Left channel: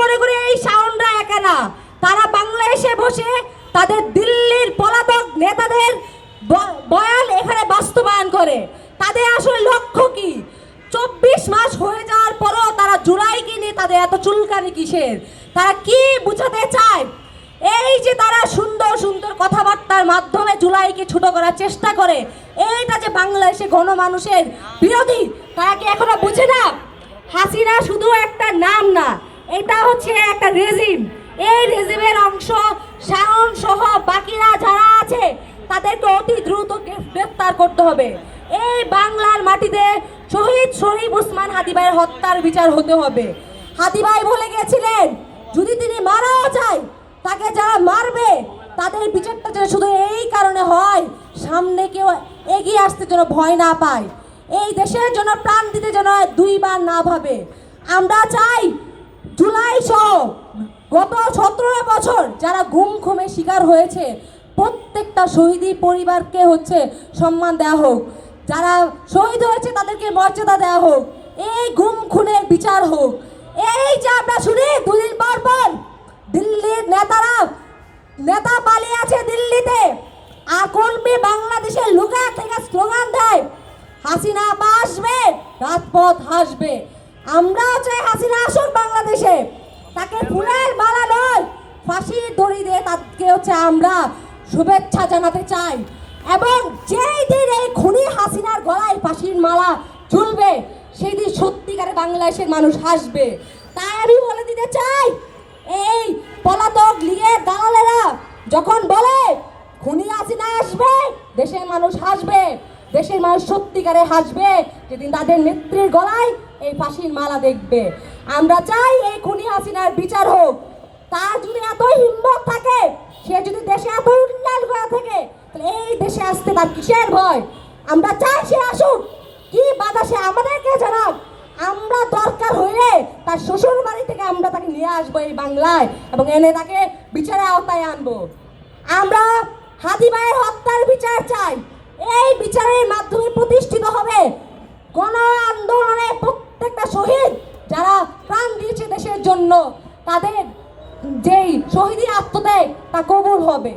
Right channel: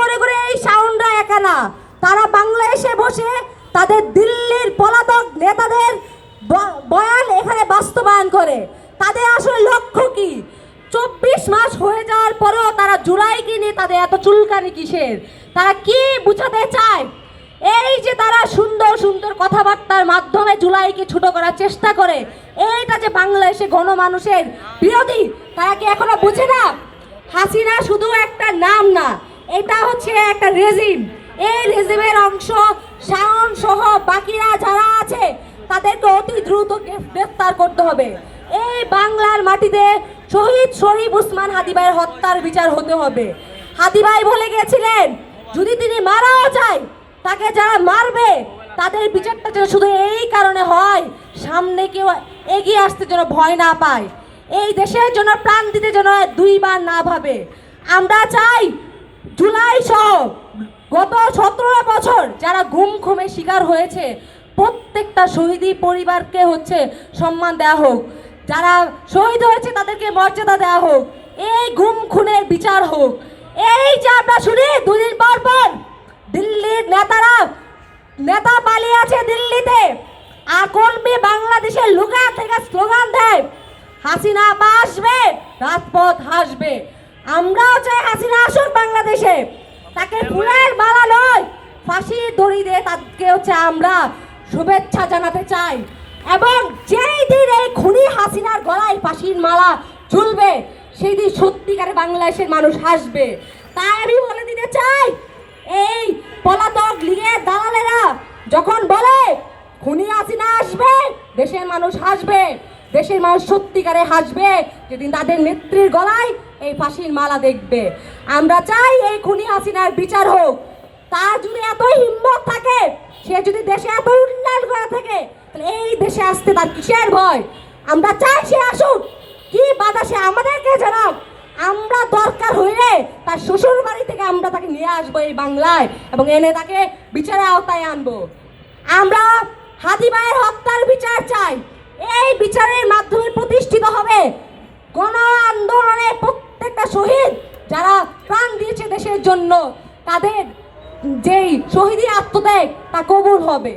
মনে করি এই শাওনরা একা না, তারা বাংলাদেশে বসে তাদের দিল্লির পলাতক নেতাদের বয়ান এখানে বাস্তবায়ন করে। তাদের আসলে লক্ষ্য কি? 24 মাস হয়ে যাওয়ার পরও তারা জুলাইকে নিয়ে তাদের এত চুলকানি কিসের? তারা কি বুঝাতে চায়? এই যে তারা সুন্দর সুন্দর কথাবার্তার মাধ্যমে জুলাইকে ছোট করার চেষ্টা করে, এইটা যে বাংলাদেশে গণমানুষের বিরোধী, তারা কি এখনো বুঝে না? হাসিনা শুধু একটা নাম না, এটা হচ্ছে একটা রেজিম। এই রেজিমের অংশ শাওন সহ বাকিরা যারা আছে তাদেরকে অতি দ্রুত গ্রেফতার করতে হবে। এই বাংলার মাটিতে শহীদ শরীফ ওসমান হাদি ভাইয়ের হত্যার বিচার হতে হবে। হাদি ভাই বলে গেছিলেন, যদি তিনি মারাও যায়, তাকে যারা মারবে তাদের বিচারটা যেন শুধু এই কারণে হয়, সামনে কেউ এগিয়ে আসতে যেন ভয় না পায়, এই দেশের জন্য প্রাণ দিতে যেন দুইবার না ভাবে। আমরা চাই জুলাই সহ গত 17 বছর যারা গুম খুমে শিকার হয়েছে প্রত্যেকটা শহীদি পরিবারকে সম্মান দেওয়া হোক, যারা শহীদ হয়েছে তাদেরকে মর্যাদা দেওয়া হোক, এই গুম খুনের বিচার হোক। এই যে আমরা শুনি 2 দিন পর পর দিল্লির নেতা পালিয়ে আছে দিল্লিতে, আর কর্মী বাংলাদেশের লুকা থেকে স্লোগান দেয়, হাসিনা আসবে রাজপথ হাসবে। আমরাও চাই হাসিনা আসুক বাংলাদেশে, তাকে ফুলের মালা নয় ফাঁসির দড়ি দিয়ে তাকে আমরা শুভেচ্ছা জানাতে চাই। এবং যেই দিন এই খুনি হাসিনার গলায় ফাঁসির মালা ঝুলবে, সেই দিন সত্যিকারে বাংলাদেশের মানুষ হাসবে। তাই আমি বলে দিতে চাই, এই পলাতক লীগের দালালেরা যখন বলে খুনি হাসিনা আসবে, দেশের মানুষ হাসবে, দেশের মানুষ সত্যিকারে হাসবে যেদিন তাদের নেত্রীর গলায় এই ফাঁসির মালা দেখবে। আমরা চাই এই খুনি হাসিনার বিচার হোক। তার যদি এত হিম্মত থাকে, সে যদি দেশে এত উন্নয়ন করে থাকে, তাহলে এই দেশে আসতে তার কিসের ভয়? আমরা চাই সে আসুক, কি বাধা সে আমাদেরকে জানাক। আমরা দরকার হইলে তার শ্বশুর বাড়ি থেকে আমরা তাকে নিয়ে আসবো এই বাংলায় এবং এনে তাকে বিচারের আওতায় আনবো। আমরা হাদি ভাইয়ের হত্যার বিচার চাই। এই বিচারের মাধ্যমে প্রতিষ্ঠিত হবে গণ আন্দোলনে প্রত্যেকটা শহীদ যারা প্রাণ দিয়েছে দেশের জন্য, তাদের যেই শহীদি আত্মত্যাগ তা কবুল হবে।